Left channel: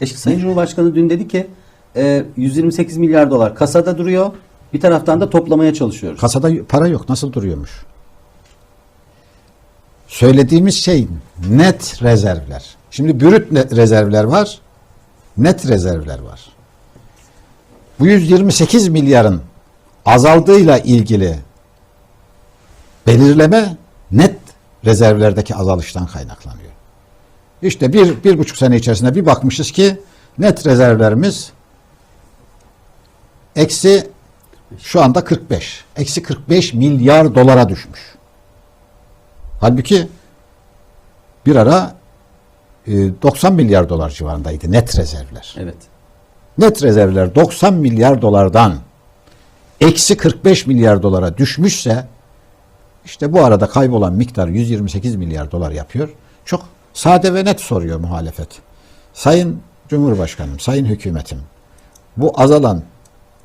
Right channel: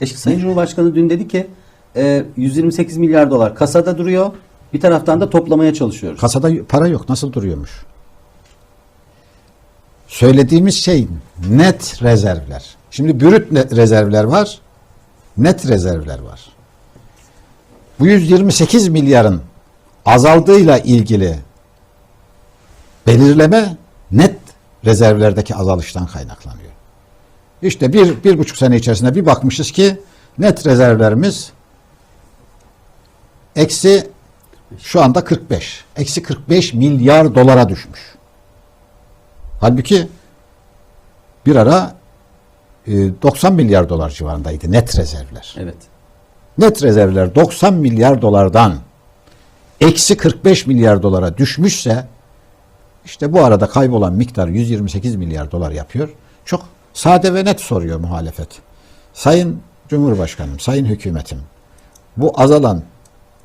E şimdi Sayın Cumhurbaşkanı dün dedi ki e, 128 milyar dolar kasada duruyor. Bir taraftan da toplamaya çalışıyoruz. Kasada para yok. Nasıl duruyormuş? Söylediğimiz şey net rezervler. Şimdi brüt rezervler var. Net rezervler var. Bu 128 milyarın azaldığıyla ilgili belirleme net rezervlerdeki azalıştan kaynaklanıyor. İşte bir, bir buçuk sene içerisinde bir bakmışız ki net rezervlerimiz eksi şu anda 45. Eksi 45 milyar dolara düşmüş. Halbuki bir ara e, 90 milyar dolar civarındaydı net rezervler. Evet. Net rezervler 90 milyar dolardan eksi 45 milyar dolara düşmüşse işte bu arada kaybolan miktar 128 milyar dolar yapıyor. Çok sade ve net soruyor muhalefet. Sayın Cumhurbaşkanım, Sayın Hükümetim bu azalan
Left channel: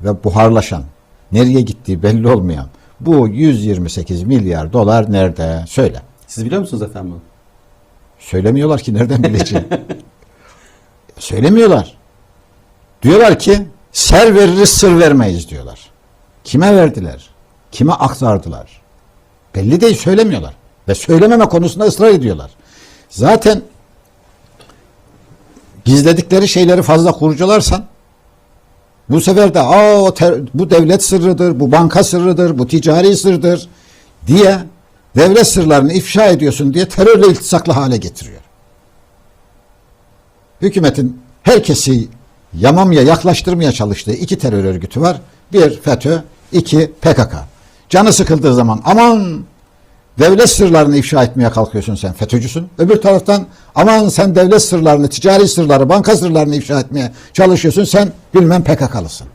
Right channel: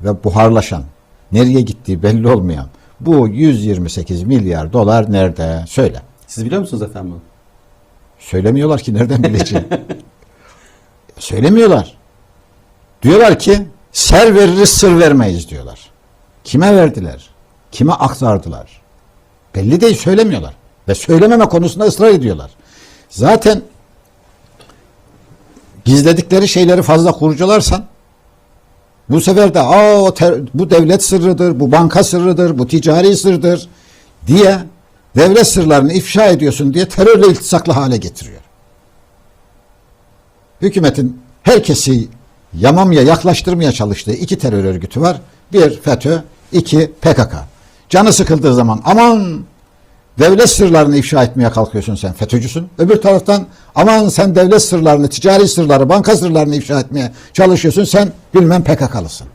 ve buharlaşan nereye gittiği belli olmayan bu 128 milyar dolar nerede? Söyle. Siz biliyor musunuz efendim bunu? Söylemiyorlar ki nereden bileceğim. Söylemiyorlar. Diyorlar ki ser veririz sır vermeyiz diyorlar. Kime verdiler? Kime aktardılar? Belli değil söylemiyorlar. Ve söylememe konusunda ısrar ediyorlar. Zaten gizledikleri şeyleri fazla kurcalarsan bu sefer de Aa, ter- bu devlet sırrıdır, bu banka sırrıdır, bu ticari sırdır diye devlet sırlarını ifşa ediyorsun diye terörle iltisaklı hale getiriyor. Hükümetin herkesi yamamaya yaklaştırmaya çalıştığı iki terör örgütü var. Bir FETÖ, iki PKK. Canı sıkıldığı zaman aman devlet sırlarını ifşa etmeye kalkıyorsun sen FETÖ'cüsün. Öbür taraftan aman sen devlet sırlarını, ticari sırları, banka sırlarını ifşa etmeye çalışıyorsun sen bilmem PKK'lısın.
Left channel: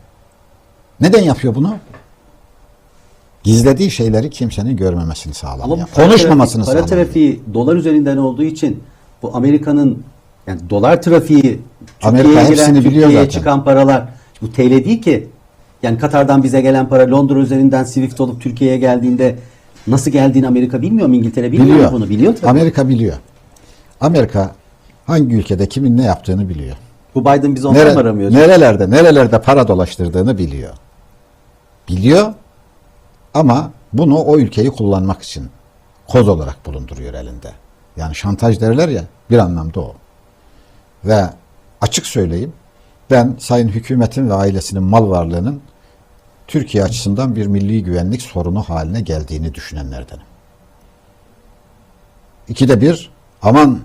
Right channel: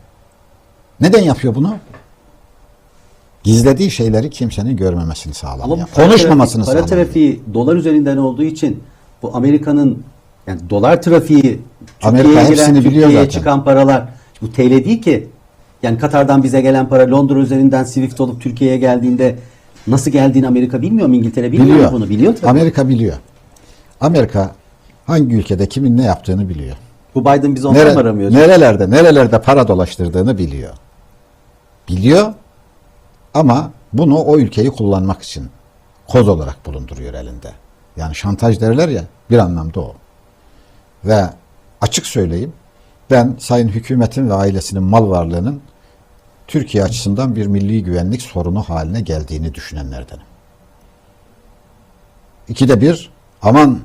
Neden yapıyor bunu? Gizlediği şeyleri kimsenin görmemesini sağlamıyor. Ama para Konuşmamasını trafiği, para sağlamıyor. trafiği dolar üzerinden olduğu için bu Amerika'nın yani dolar trafiği Amerika Türkiye'ye hepsini giren, biliyor Türkiye'ye zaten. çıkan paralar bu TL değil ki. Yani Katar'dan bize gelen para Londra üzerinden Swift olup Türkiye'ye geldiğinde nasıl geldiğini Amerika bilmiyor mu? İngiltere bilmiyor Biliyor. mu bunu? Biliyor tabii. Amerika biliyor. Amerika hangi ülkede kimin ne yaptığını biliyor. bu Biden bizi ondan Nere- mı aramıyor? nerelerde nerelerde para dolaştırdığını biliyor. Biliyor ama bunu o ülkeyi kullanmak için koz olarak bulunduruyor elinde. Yani şantaj derler ya bir anlamda o. Ve açık söyleyeyim ben sayın hükümetin ve ailesinin mal varlığının Türkiye açısından bir milli güvenlik sorunu haline geldiğini düşünenlerdenim. İkide bir aman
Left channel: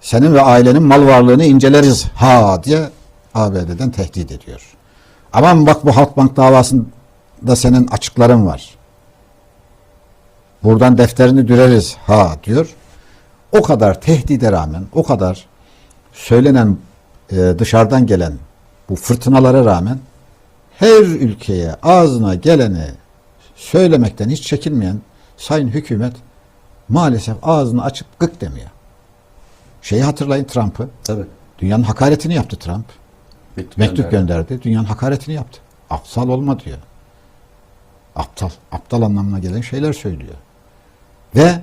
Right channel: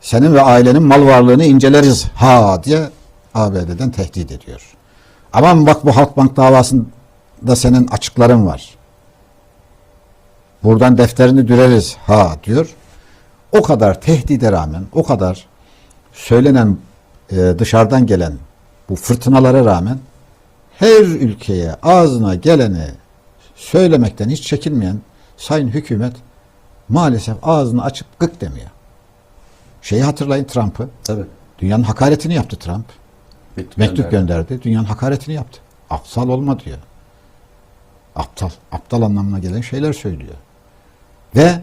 senin ve ailenin mal varlığını inceleriz ha diye ABD'den tehdit ediyor. Aman bak bu Halkbank davasında senin açıkların var. Buradan defterini düreriz ha diyor. O kadar tehdide rağmen, o kadar söylenen e, dışarıdan gelen bu fırtınalara rağmen her ülkeye ağzına geleni söylemekten hiç çekinmeyen sayın hükümet maalesef ağzını açıp gık demiyor. Şeyi hatırlayın Trump'ı. Tabii. Dünyanın hakaretini yaptı Trump. Mektup, Mektup gönderdi. gönderdi. Dünyanın hakaretini yaptı. Aptal olma diyor. Aptal. Aptal anlamına gelen şeyler söylüyor. Ve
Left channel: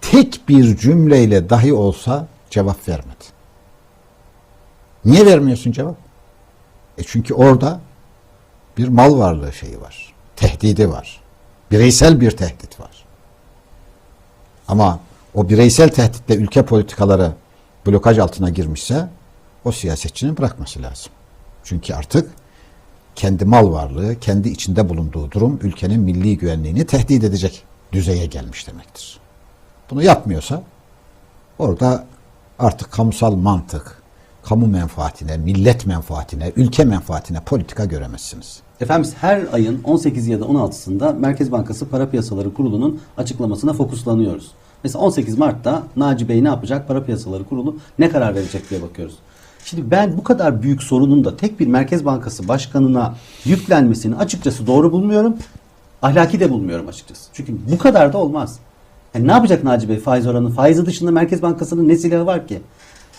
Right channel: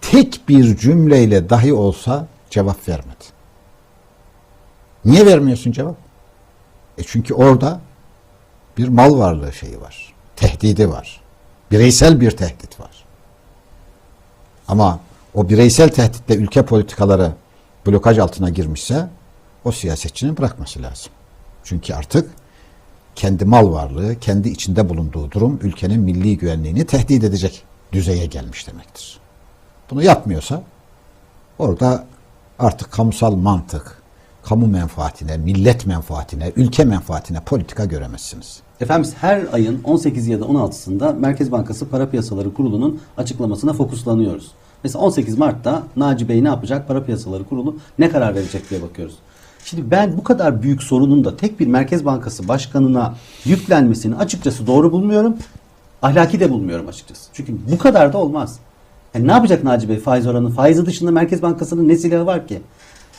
tek bir cümleyle dahi olsa cevap vermedi. Niye vermiyorsun cevap? E çünkü orada bir mal varlığı şeyi var. Tehdidi var. Bireysel bir tehdit var. Ama o bireysel tehditle ülke politikaları blokaj altına girmişse o siyasetçinin bırakması lazım. Çünkü artık kendi mal varlığı, kendi içinde bulunduğu durum ülkenin milli güvenliğini tehdit edecek düzeye gelmiş demektir. Bunu yapmıyorsa orada artık kamusal mantık, kamu menfaatine, millet menfaatine, ülke menfaatine politika göremezsiniz. Efendim biz her ayın 18 ya da 16'sında Merkez Bankası Para Piyasaları Kurulu'nun açıklamasına fokuslanıyoruz. Mesela 18 Mart'ta Naci Bey ne yapacak? Para Piyasaları Kurulu ne karar verecek diye bakıyoruz. Şimdi ben bu kadar büyük sorunun da tek bir Merkez Bankası başkanına yüklenmesini açıkçası doğru bulmuyorum. Ahlaki de bulmuyorum açıkçası. Çünkü bu kadar da olmaz. Yani ne yapacak Naci Bey faiz oranı? Faizi dışında Merkez Bankası'nın ne silahı var ki?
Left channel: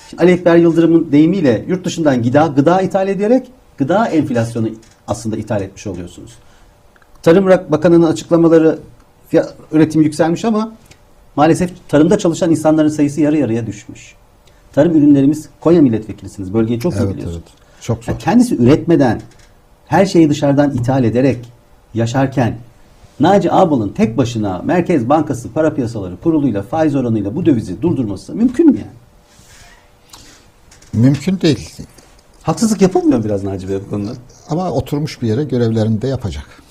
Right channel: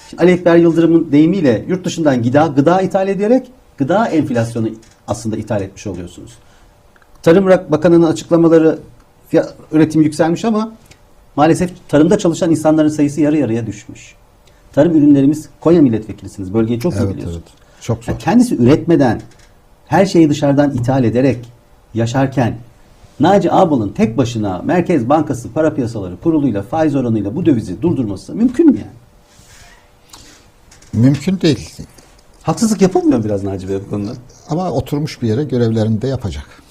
Şimdi Ali Ekber Yıldırım'ın deyimiyle yurt dışından gıda, gıda ithal ederek gıda enflasyonu aslında ithal etmiş oluyorsunuz. Tarım Bakanı'nın açıklamaları fiyat, üretim yükselmiş ama maalesef tarımda çalışan insanların sayısı yarı yarıya düşmüş. tarım ürünlerimiz Konya milletvekilisiniz. Bölgeyi çok iyi Evet, biliyorsunuz. evet. Çok zor. Yani kendisi üretmeden her şeyi dışarıdan ithal ederek yaşarken Naci Ağbal'ın tek başına Merkez Bankası Para Piyasaları Kurulu'yla faiz oranıyla bu dövizi durdurması mümkün mü yani? Mümkün değil. Haksızlık yapılmıyor biraz Naci Bey bu konuda. Ama oturmuş bir yere görevlerini de yapacak.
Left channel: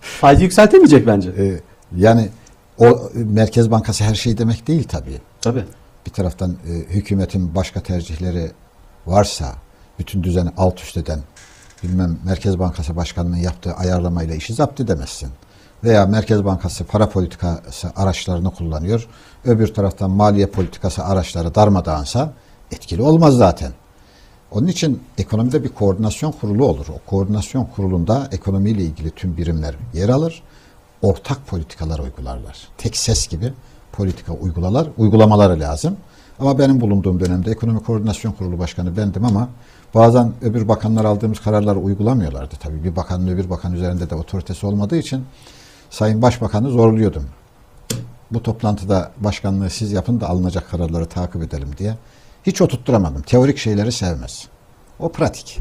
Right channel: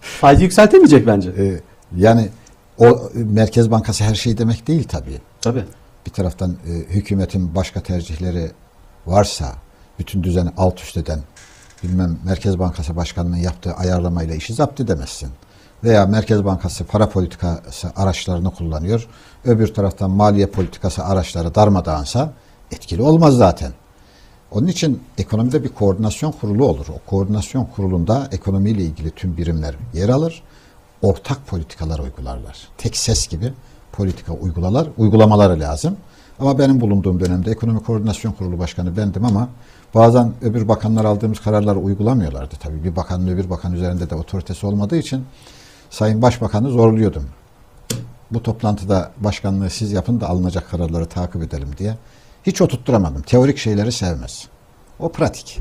Faizi yükseltemeyecek bence. Ee, yani o Merkez Bankası her şey demek değil tabii. Tabii. Bir taraftan e, hükümetin başka tercihleri varsa bütün düzeni alt üst eden bilmem Merkez Bankası Başkanı'nın yaptığı ayarlamayla işi zapt edemezsin. Veya Merkez Bankası para politikası araçlarını kullanıyor. Öbür taraftan maliye politikası araçları darmadağınsa etkili olmaz zaten. Onun için ekonomide bir koordinasyon kurulu olur. O koordinasyon kurulunda ekonomiyle ilgili tüm birimler yer alır. Ortak politikalar uygularlar. Tek ses gibi politika uygulalar, uygulamaları lazım. Ama benim bulunduğum dönemde ekonomi koordinasyon kurulu başkanı bendim ama bazen öbür bakanlar aldığımız kararları uygulamıyorlardı. Tabii bir bakanın öbür bakan üzerinde de otoritesi olmadığı için Sayın Başbakan'ı zorluyordum. Bu toplantıda başkanlığı siz yapın da alınacak kararları takip edelim diye. Hiç oturtturamadım. Teorik şeyleri sevmez. O pratik.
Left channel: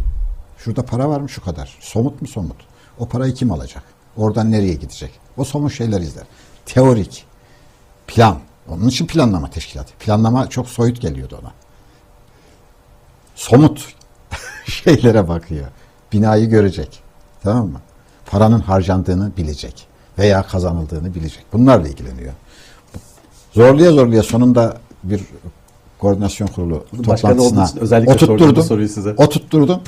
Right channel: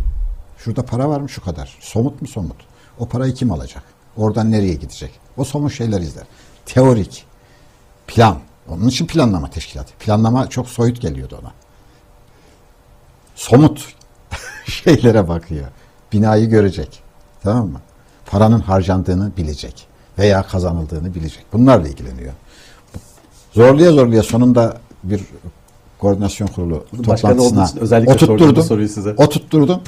Şurada para var mı şu kadar. Somut mu somut. O parayı kim alacak? Oradan nereye gidecek? O somut şeyler izler. Teorik. Plan. Onun için planlama teşkilatı. Planlama çok soyut geliyordu ona. Somut şeylere bakıyor. Binayı görecek. Tamam mı? Paranın harcandığını bilecek. Veya kazanıldığını bilecek. Bunlarla ilgileniyor. Zorluya zorluya sonunda bir koordinasyon kurulu toplantısına için özellikle sordum bu oturtturdum. soruyu size. Oturtturdum.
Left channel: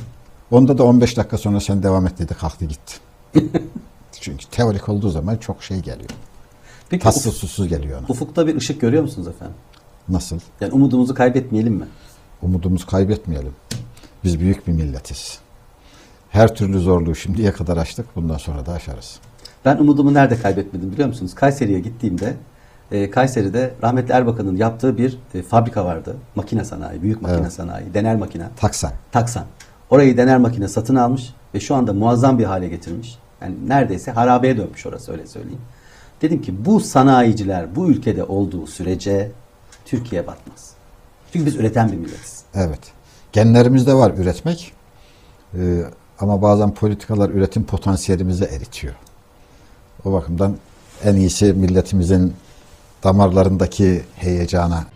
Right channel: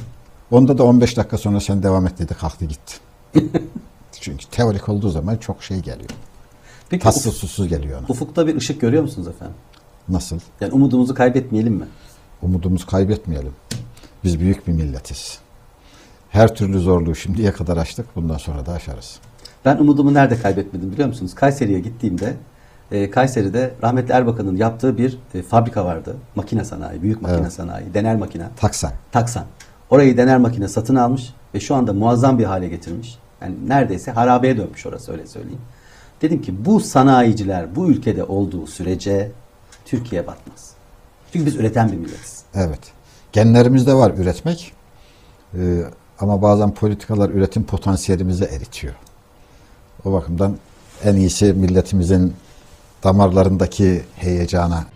Onda da 15 dakika sonra sen devam et dedi. Kalktı gitti. Çünkü teorik olduğu zaman çok şey geliyor. Peki Tatsız ufuk- susuz geliyor ona. ufukta bir ışık görüyor musunuz efendim? Nasıl? Yani umudumuzu kaybetmeyelim mi? Umudumuzu kaybetmeyelim. Biz büyük bir milletiz. Her türlü zorluğu şimdiye kadar aştık. Bundan sonra da aşarız. Ben umudumu nerede kaybetmedim biliyor musunuz? Kayseri'ye gittiğimde e, Kayseri'de rahmetli Erbakan'ın yaptığı bir e, fabrika vardı. Makine sanayi, büyük makine Evet. sanayi, dener makine. Taksan. Taksan. Orayı dener makine satın almış ve şu anda muazzam bir hale getirmiş. Yani neredeyse harabeye dönmüş orası öyle söyleyeyim. Dedim ki bu sanayiciler bu ülkede olduğu sürece Türkiye batmaz. Çünkü biz üreten bir milletiz. Evet. Genlerimizde var üretmek. Ee, ama bazen politikalar üretim potansiyelimizi eritiyor. O bakımdan en iyisi milletimizin damarlarındaki heyecana